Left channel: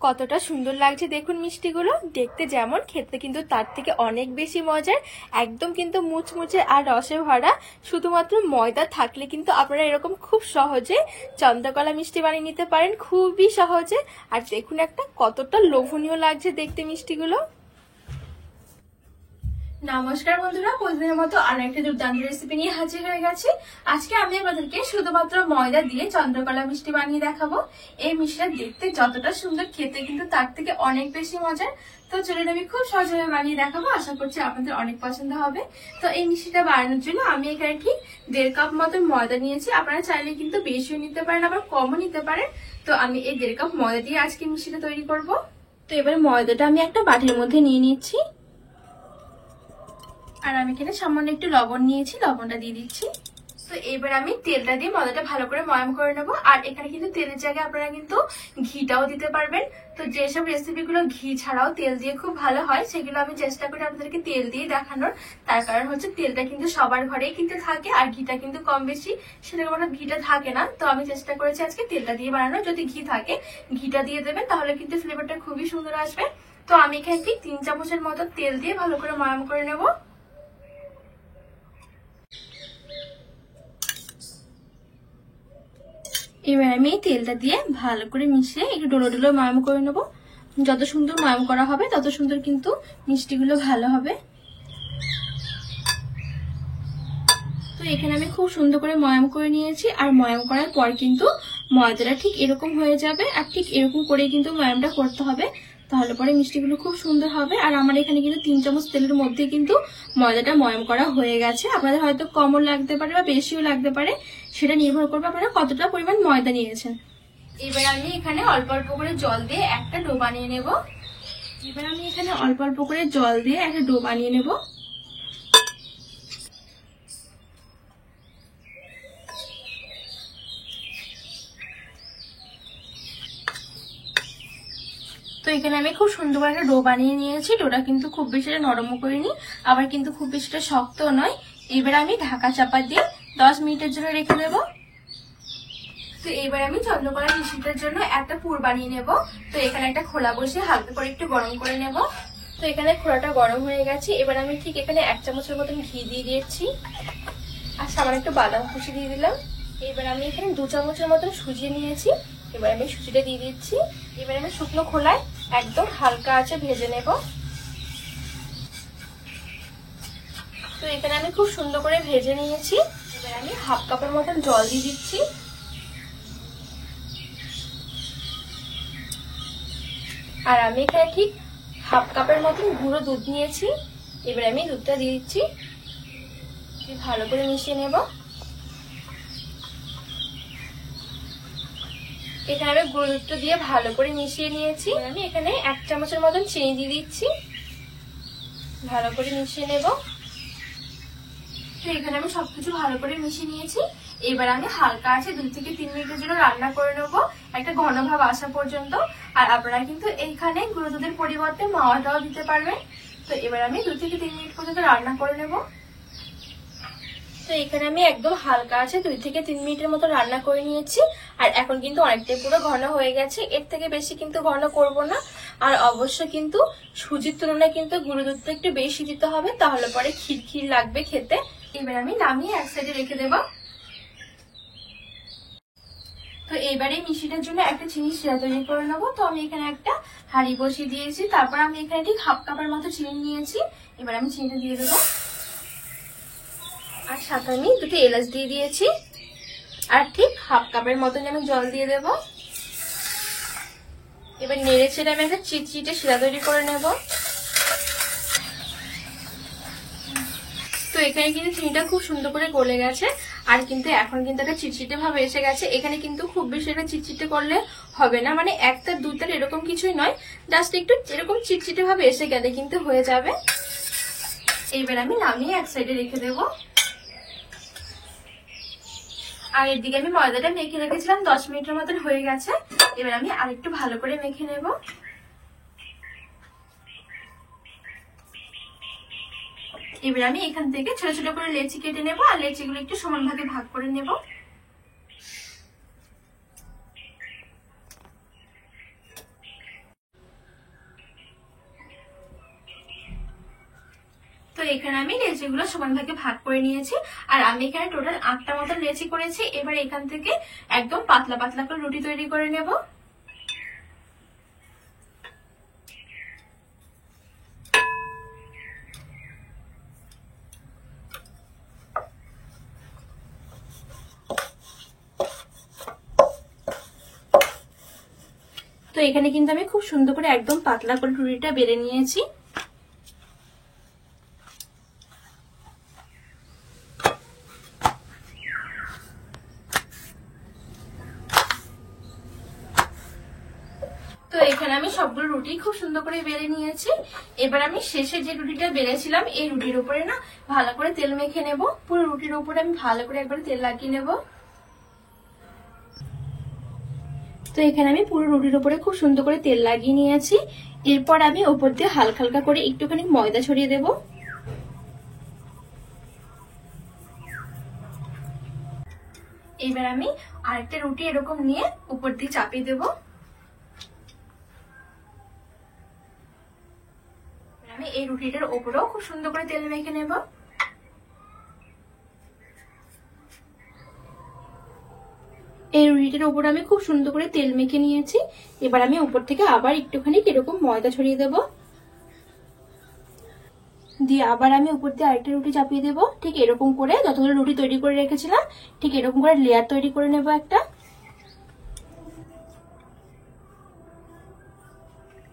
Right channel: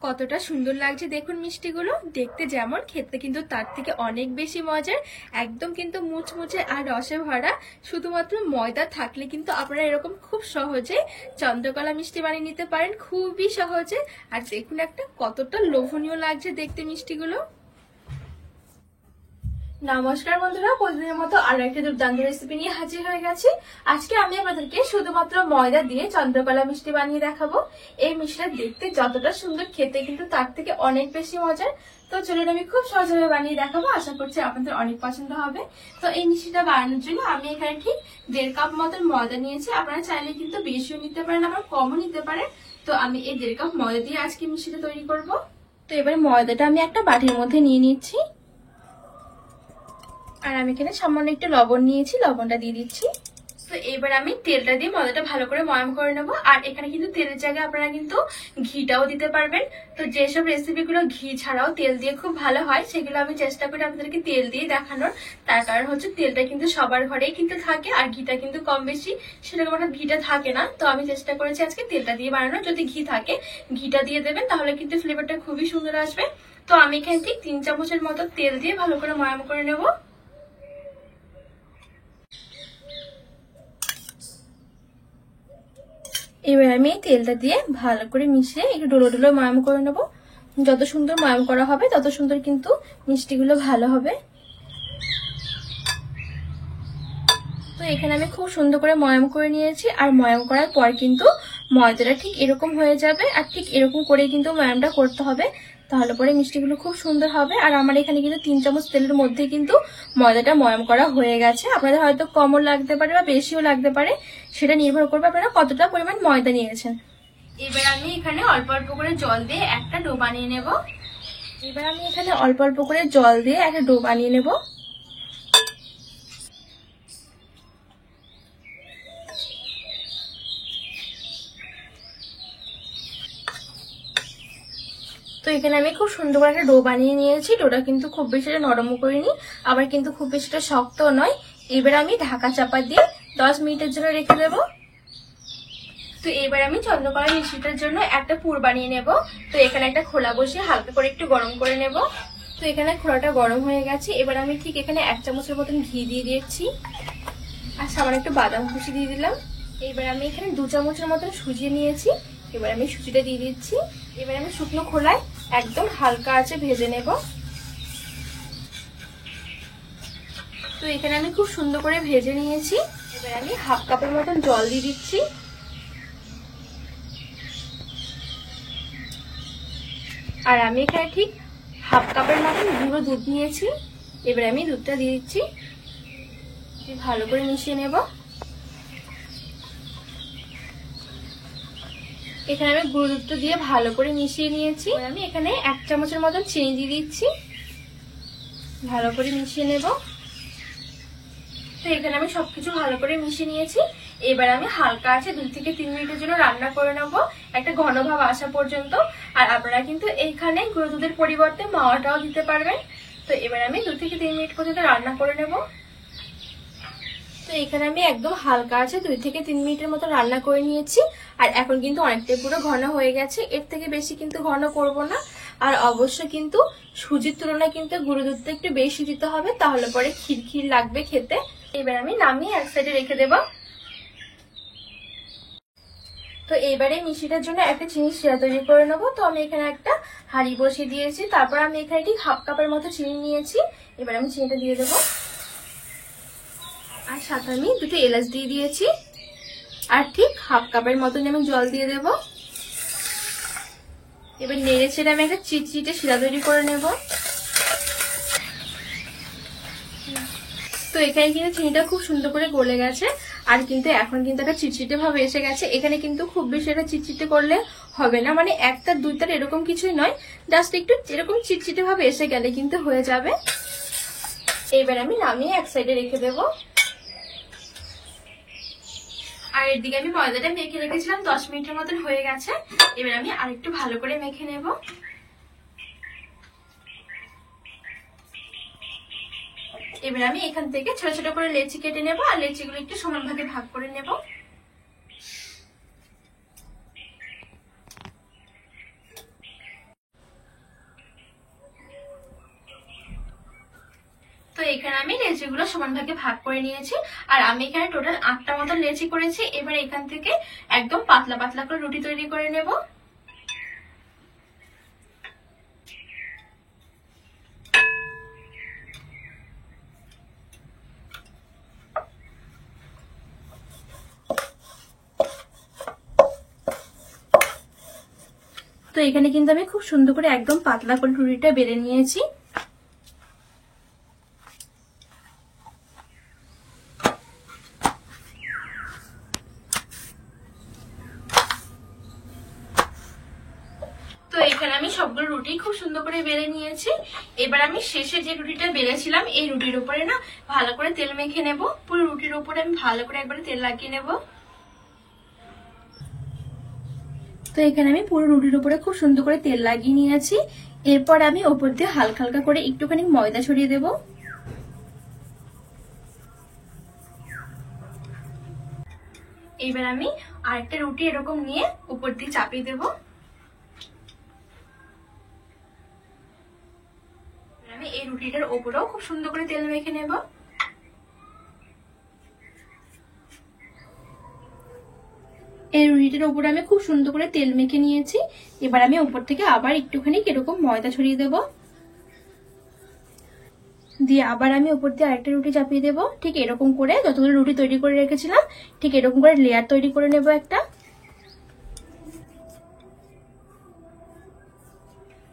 কতটা সুন্দর লাগছে দেখুন মিষ্টিগুলো, দেখতে যেমন খেতে কিন্তু তার থেকে অনেক বেশি মজার। একদম কিন্তু মুচমুচে আর রসে ভরা। শুধুমাত্র ময়দা থাকলে কিন্তু আপনারা এরকম খুব সহজে চন্দ্রকলা মিষ্টি বানিয়ে নিতে পারেন, খুবই সহজে। আর দেখুন একটা কতটা লোভনীয় লাগছে দেখতে মিষ্টিগুলো। নমস্কার বন্ধুরা, প্রতিদিনের মতো আরো একটা দুর্দান্ত রেসিপি নিয়ে হাজির হয়ে গেছি। আজকে আমি আপনাদেরকে শুধুমাত্র ময়দা দিয়ে চন্দ্রকলা মিষ্টি বানিয়ে দেখাবো। এই মিষ্টিটা দেখতে যতটা সুন্দর, খেতে কিন্তু তার থেকে অনেক বেশি মজার। তো চলুন আমি খুব সহজভাবে বানিয়ে দেখাবো, আশা করছি আপনাদের অনেক পছন্দ হবে। তো এই মিষ্টিটা বানানোর জন্য আমি এখানে ঠিক 1.5 কাপ মতন ময়দা নিয়েছি। আপনারা চাইলে কিন্তু বেশিও নিতে পারেন, আবার কমও নিতে পারেন। তো আমি এই 1.5 কাপ ময়দা দিয়ে আজকে মিষ্টিটা তৈরি করব। তো এবারে ময়দাটা আমি একটা বাটির মধ্যে নিয়ে নিচ্ছি। আর আমি এখানে সামান্য একটু লবণ নিয়েছি, লবণটা দিয়ে দিচ্ছি। তো এবার আমি তেলটা দিয়ে ময়দাটা ভালো করে ময়াম করে নেবো। আর এখানে কিন্তু তেলের জায়গায় আপনারা কিন্তু ঘিটাও দিতে পারবেন। তো যেসব রেসিপিগুলো ঘি ছাড়াও তেল দিয়ে খুব ভালো হয়, সেগুলো আমি চেষ্টা করি আপনাদেরকে তেল দিয়ে দেখানোর। তার কারণ হচ্ছে তেলটা কিন্তু সবার ঘরেই কিন্তু থাকে, আর ঘিটা কিন্তু কম বেশি সেরকম একটা ঘিটা থাকে না। তো আমি চেষ্টা করেছি আজকে তেলটা দিয়ে বানানো। যদি ঘি থাকে ঘিটা দিয়ে দেবেন, তাহলে কিন্তু ফ্লেভারটা খুবই সুন্দর আসবে। তো আমি এখানে ঠিক 3 চামচের মতো তেল দিয়ে ভালো করে ময়াম করে নেবো। এবার আমি এই তেলটা দিয়ে ভালো করে মিশিয়ে একটু ডোলো ডোলো ময়াম করে নেবো। যত সুন্দর ময়াম করা হবে তত সুন্দর কিন্তু মিষ্টিগুলো ভালো হবে। তো এখানে আমি খুব সুন্দর করে ময়াম করে নিয়েছি। আর ময়াম করার পর কিন্তু ময়দাটা ঠিক এরকম হয়ে যাবে, আর ঠিক এরকম করেই কিন্তু ময়ামটা করতে হবে, তাহলে পরে মিষ্টিগুলো খুব সুন্দর হবে। আর আমার এখানে কিন্তু 3 চামচ তেলের মধ্যে কিন্তু ময়দাটা ময়াম করা হয়ে গেছে। আপনাদের হয়তো কমও লাগতে পারে বা বেশিও লাগতে পারে, সেটা নির্ভর করবে আপনারা কতটা পরিমাণ ময়দা নিয়েছেন। এবার আমি এখানে অল্প অল্প করে জল দিয়ে একটা ডো বানিয়ে নেব। এবার আমি এখানে অল্প অল্প করে জল দিয়ে একটা ডো বানিয়ে নেব। তো এখানে আমি খুব সুন্দর করে একটা ডো বানিয়ে নিয়েছি। ডোটা কিন্তু খুব বেশি নরমও করিনি, আবার কিন্তু খুব বেশিটা শক্ত নয়। এবার আমি ঢাকা চাপা দিয়ে 10 মিনিটের জন্য রেখে দেব। তো এবার আমি চন্দ্রকলা মিষ্টিটার জন্য একটা পুর বানিয়ে নেব। তো এখানে একটা খোলা বসিয়ে হালকা করে একটু গরম করে নেব। তো এখানে খোলাটা গরম হয়ে গেছে। এবার আমি ঠিক এখানে 1 চামচের মতন ঘি দিয়ে দিচ্ছি, আর সামান্য একটু বাদাম কুচি দিয়ে দিলাম। এবার আমি এখানে 2 চামচের মতন সুজি নিয়েছি। এবার আমি সুজিটা দিয়ে দিচ্ছি। এবার আমি শুকনো খোলায় একদম হালকা আঁচে ভেজে নেব। তো এখানে আমি খুব সুন্দর করে ভেজে নিয়েছি। এবার আমি 1/2 কাপের মতন জল দিয়ে দিচ্ছি। আর আমি এখানে ঠিক 1/2 কাপের মতন গুঁড়ো দুধ নিয়েছি। এবার আমি দুধটা দিয়ে দিচ্ছি, ভালো করে মিশিয়ে নেব। এখানে আমি গুঁড়ো দুধটা দিয়ে ভালো করে মিশিয়ে নিয়েছি। আমি এখানে 1 চামচের মতন চিনি দিয়ে দিচ্ছি, ভালো করে মিশিয়ে নেব। তো এখানে আমি সবকিছু ভালো করে মিশিয়ে নিয়েছি। এবার আমি হালকা আছে 2 থেকে 3 মিনিটের জন্য রান্না করে নেব, একটা ঘন ভাব আসা পর্যন্ত। আর আপনারা কিন্তু এখানে গুঁড়ো দুধের পরিবর্তে মাওয়াটাও দিতে পারবেন। তো এবার আমি 2 থেকে 3 মিনিট পর্যন্ত রান্না করে নেব। তো এখানে আমি একদম হালকা আছে 2 থেকে 3 মিনিটের মতো রান্না করে নিয়েছি। আর এখন কিন্তু অনেকটাই পুরো ঘন হয়ে গেছে, এর থেকে বেশি কিন্তু ঘন করব না। আর অবশ্যই কিন্তু সুজির তুলনায় কিন্তু গুঁড়ো দুধটা একটু বেশি দিতে হবে, তাহলে পরে খিরখির লাগবে খেতে। এবার আমি নামিয়ে এক সাইডে রেখে দেব। তো এবারে মিষ্টিটার জন্য একটা চিনি শিরা তৈরি করে নেবো। তো আমি এখানে একটা হাঁড়ি বসিয়ে দিয়েছি। তারপর আমি এখানে ঠিক 1/2 কাপের মতো চিনি নিয়েছি। এবার আমি চিনিটা দিয়ে দেবো। আর সাথে আমি 2টি এলাচ দিয়ে দিয়েছি। আর ঠিক 1/2 কাপের মতন আমি জল দিয়ে দেব। এবার নেড়ে চেড়ে আমি একটা চিটচিটে শিরা তৈরি করে নেব। তো এখানে কিন্তু চিনিটা খুব সুন্দর করে গলে গেছে। আর কিন্তু এখন কিন্তু একটা চিটচিটে ভাবে এসে গেছে। এখানে কিন্তু খুব বেশি একটা চিটচিটে করলে হবে না, মানে 1 তার 2 তার এরকম কিছুই নয়, জাস্ট একটু এরকম চিটচিটে ভাবে এসে গেলে কিন্তু হয়ে যাবে। এবার আমি নামিয়ে এক সাইডে রেখে দেবো। আর এদিকে আমি ময়দাটা মেখে রেখেছিলাম, 10 মিনিটের মতন হয়ে গেছে। এবার আমি আরেকটু ভালো করে মেখে নেব। এবার আমি এখান থেকে ছোট ছোট করে লেচি কেটে নেব, আর লেচিগুলো একটু সমান ভাগে ভাগ করে নেব। এখানে আমি লেচিগুলো সমান ভাগে ভাগ করে নিয়েছি, আর আমি এখানে টোটাল 8টা মতো লেচি করেছি। এবার এখান থেকে একদম পাতলা পাতলা করে রুটি তৈরি করে নেব। তো এখানে কিন্তু আমি খুব সুন্দর করে একদম পাতলা করে রুটিটা বেলে নিয়েছি। তো এখানে আমি সবগুলো রুটি খুব সুন্দর করে বেলে নিয়েছি। এবার আমি শেষে যে রুটিটা বেলেছিলাম এই রুটির উপরে না ভালো করে তেল মেখে নেব। পুরো রুটির উপরে আমি ভালো করে একবার তেল লাগিয়ে নেব। তো এখানে আমি পুরো রুটির উপরে খুব সুন্দর করে তেল লাগিয়ে নিয়েছি। এরপর আমি উপর দিয়ে হালকা হালকা করে একটুখানি ময়দা ছড়িয়ে দেব। এবার আমি আরেকটা রুটি এরকম নিয়ে উপর দিয়ে চাপিয়ে দেব। আমি এই রুটিটার উপরেও খুব সুন্দর করে তেল মেখে নেব। এই রুটিটার উপরে আমি খুব সুন্দর করে তেল মেখে নিয়েছি। এবার আমি উপর থেকে আবার একটুখানি এরকম ময়দা ছড়িয়ে দেব, দিয়ে আবার আমি উপর দিয়ে আরেকটা রুটি চাপিয়ে দেব। ঠিক এরকম করে যতগুলো রুটি তৈরি করে রেখেছিলাম ঠিক এরকম করে লেয়ার তৈরি করে নেব একটা।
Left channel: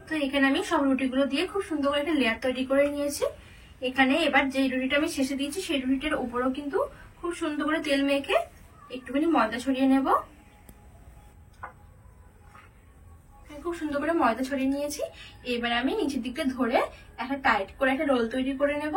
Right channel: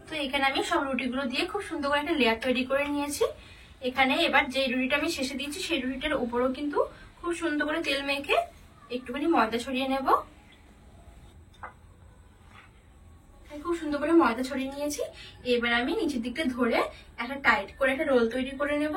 তো এখানে আমি সব রুটিগুলো দিয়ে খুব সুন্দর করে একটা লেয়ার তৈরি করে নিয়েছি। এখানে এবার যে রুটিটা আমি শেষে দিয়েছি সেই রুটিটার উপরেও কিন্তু খুব সুন্দর করে তেল মেখে একটুখানি ময়দা ছড়িয়ে নেব। খুব সুন্দর করে ময়দা ছড়িয়ে নিয়েছি। এবার আমি নিচের দিকটা ধরে একটা টাইট করে একটা রোল তৈরি করে নেব।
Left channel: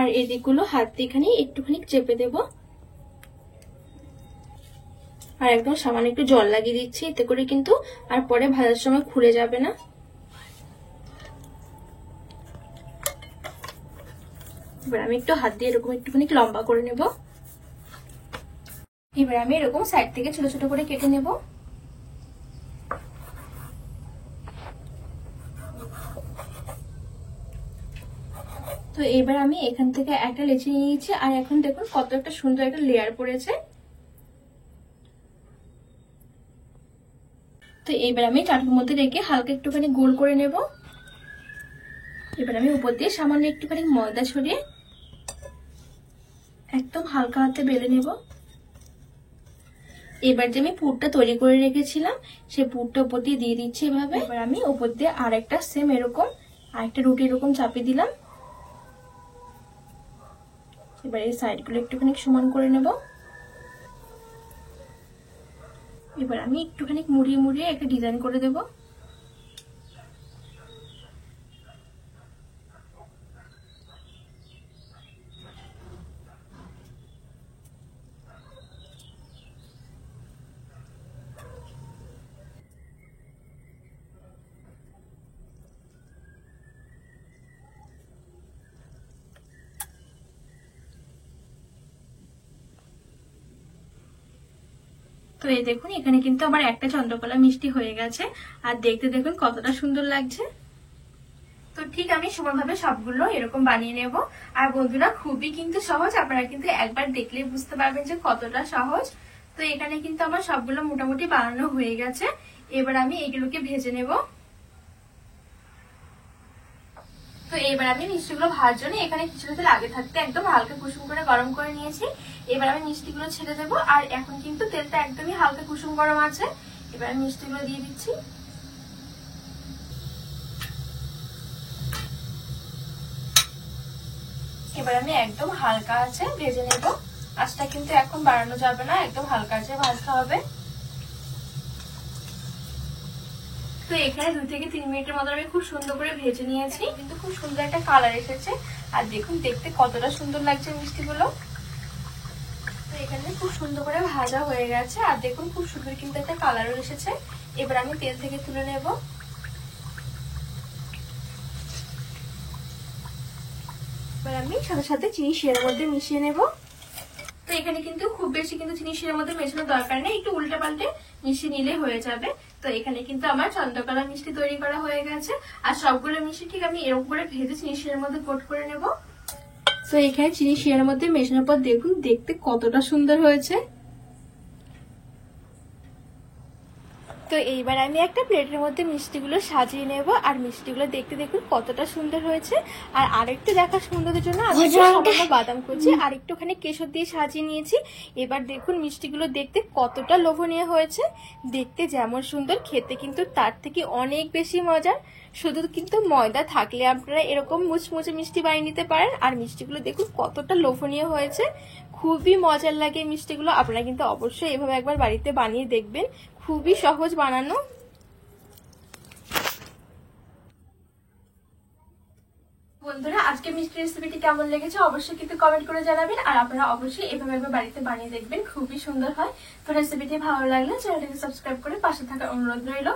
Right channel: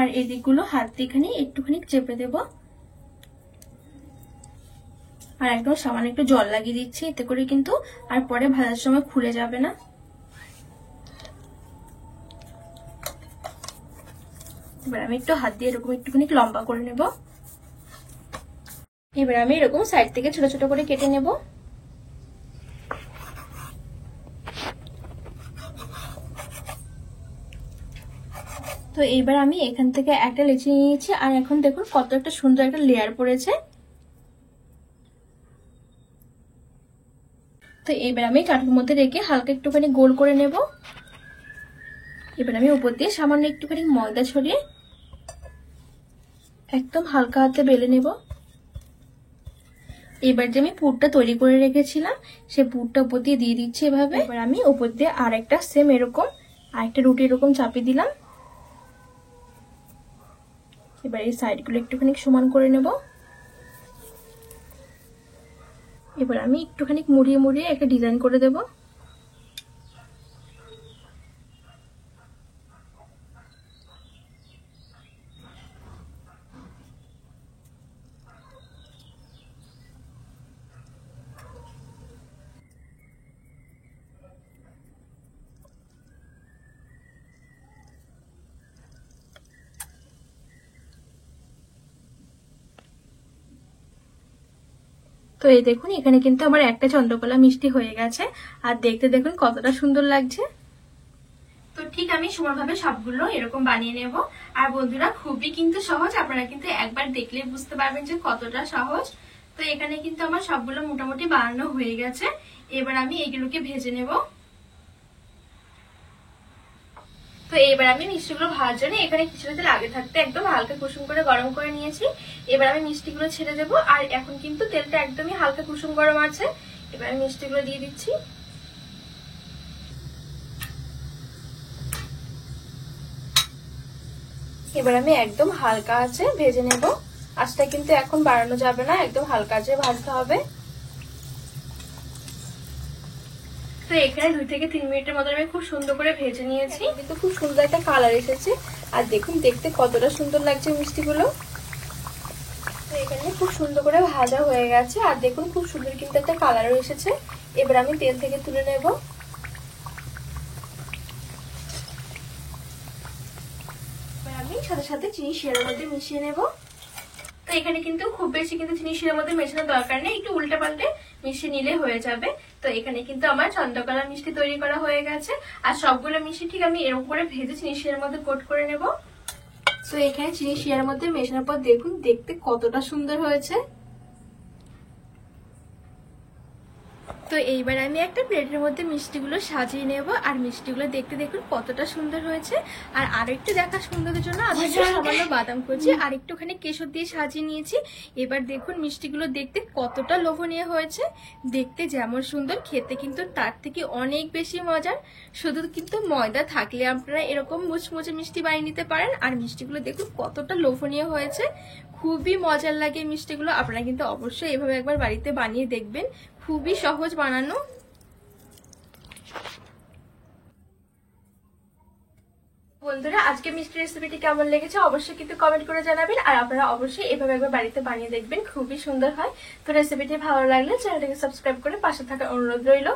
আর এদিকগুলো হাত দিয়ে এখানে একটুখানি চেপে দেব, আর একদম সামান্য একটু জল লাগিয়ে দিচ্ছি, এতে করে কিন্তু আর পরে ভাজার সময় খুলে যাবে না। এবার আমি একটু হাত দিয়ে এরকম একটুখানি লম্বা করে নেব। এবার আমি এরকম সাইড থেকে ছোট ছোট করে কেটে নেব। তো এবার আমি এখান থেকে একটা লেচি নিয়েছি, আর এখন দেখুন কত একটা সুন্দর একটা লেয়ার পড়েছে। তো এবার আমি চাটুর মধ্যে রেখে হালকা একটুখানি গোল করে নেব। এবার আমি উপর দিয়ে সামান্য একটুখানি ময়দা ছড়িয়ে একদম হালকা হাতে বেলে নেব। এবার যে আমি পুরটা তৈরি করে রেখেছিলাম সেই পুরটা উপর দিয়ে দিয়ে দিচ্ছি এভাবে। এবার আমি উপর দিয়ে আরেকটা সেম এরকম আরেকটা রুটি এরকম চাপিয়ে দিলাম। এবার এই সাইডগুলো একটুখানি সমান করে নেব। এবার আমি একটুখানি মুড়িয়ে মুড়িয়ে একটা ডিজাইন করে দেব। তো এই দেখুন এখানে কিন্তু আমার একটা চন্দ্রকলা মিষ্টি হয়ে গেছে, আর দেখতে দেখুন কতটা সুন্দর লাগছে। তো ঠিক আমি সমানভাবে সবগুলো এরকম বানিয়ে নেব। আর বন্ধুরা খুবই কিন্তু সহজ, আপনারা কিন্তু একবার দেখলে বুঝতে পারবেন যে কতটা সহজ। তো এখানে কিন্তু আমার সবগুলো মোটামুটি বানানো হয়ে গেছে। এবার আমি এগুলোকে ভেজে নেব। তো এবার আমি মিষ্টিগুলো ভাজার জন্য এখানে কিছুটা তেল আগে থাকতে একদম হালকা কুসুম করে গরম করে নিয়েছি। এবার আমি মিষ্টিগুলো ছেড়ে দেবো, আর এখন কিন্তু তেলটা একদমই হালকা কুসুম গরম আছে। এবার আমি মিষ্টিগুলো দিয়ে দিচ্ছি। এবার আমি একদম হালকা আছে ভেজে নেব। আঁচটা কিন্তু এখন বাড়ানো যাবে না, একদম হালকা আছে ভাজতে হবে। তো এখানে 2 থেকে 3 মিনিটের মতো আমি খুব সুন্দর করে ভেজে নিয়েছি, কিন্তু খুব সুন্দর একটা কালার এসেছে। আর দেখুন দেখতে কতটা সুন্দর লাগছে মিষ্টিগুলো। তো এখানে খুব সুন্দর করে ভাজা হয়ে গেছে আর দেখুন খুব সুন্দর কিন্তু একটা কালারও এসেছে। এবার আমি তেল থেকে তুলে নেব। এবার আমি সাথে সাথে চিনি শিরার মধ্যে মিশিয়ে নেব। তো এখানে কিন্তু খুব বেশি কিন্তু চিনি শিরার মধ্যে মেশানোর দরকার নেই, একটু উল্টে পাল্টে মিশিয়ে নিলে হয়ে যাবে। তো এখানে কিন্তু আমার চন্দ্রকলা মিষ্টি তৈরি করা হয়ে গেছে। আর সবগুলো মিষ্টি ঠিক আমি এরকম করে ভেজে চিনি শিরার মধ্যে কোট করে নেব। তো এখানে চিনি শিরার মধ্যে মেশানোর পর দেখুন দেখতে কতটা সুন্দর হয়েছে। তো এইবার আমি একটা প্লেটের মধ্যে মিষ্টিগুলো সাজিয়ে নেব। আর মিষ্টিগুলো দেখতে দেখুন কতটা সুন্দর হয়েছে। আর আরেকটু দেখার সুন্দরের জন্য আমি সামান্য বাদাম কুচি আর একটুখানি কেশর দিয়ে সাজিয়ে নিয়েছি। এবার দেখুন মিষ্টিগুলো দেখতে কতটা লোভনীয় হয়েছে। দেখতে যেমন সুন্দর, খেতে কিন্তু তার থেকে অনেক বেশি মজার। শুধু কিন্তু ময়দা থাকলে আপনারা এরকম মুচমুচে মিষ্টি বানিয়ে নিতে পারেন। আর মিষ্টিগুলো দেখুন কতটা লোভনীয় হয়েছে, খুবই মজার লাগে মিষ্টিগুলো। আপনারা কিন্তু অবশ্যই এভাবে একবার বাড়িতে বানিয়ে দেখবেন, খুবই সহজ বানানো। বন্ধুরা আজকে মিষ্টি রেসিপিটি কেমন লেগেছে অবশ্যই কিন্তু কমেন্ট করে জানাবেন। আর আপনারা অবশ্যই এভাবে একবার বাড়িতে বানিয়ে দেখবেন, খুবই সুন্দর হয়। তো রেসিপিটি ভালো লাগলে চ্যানেলটাকে সাবস্ক্রাইব করে পাশে থাকার অনুরোধ রইল।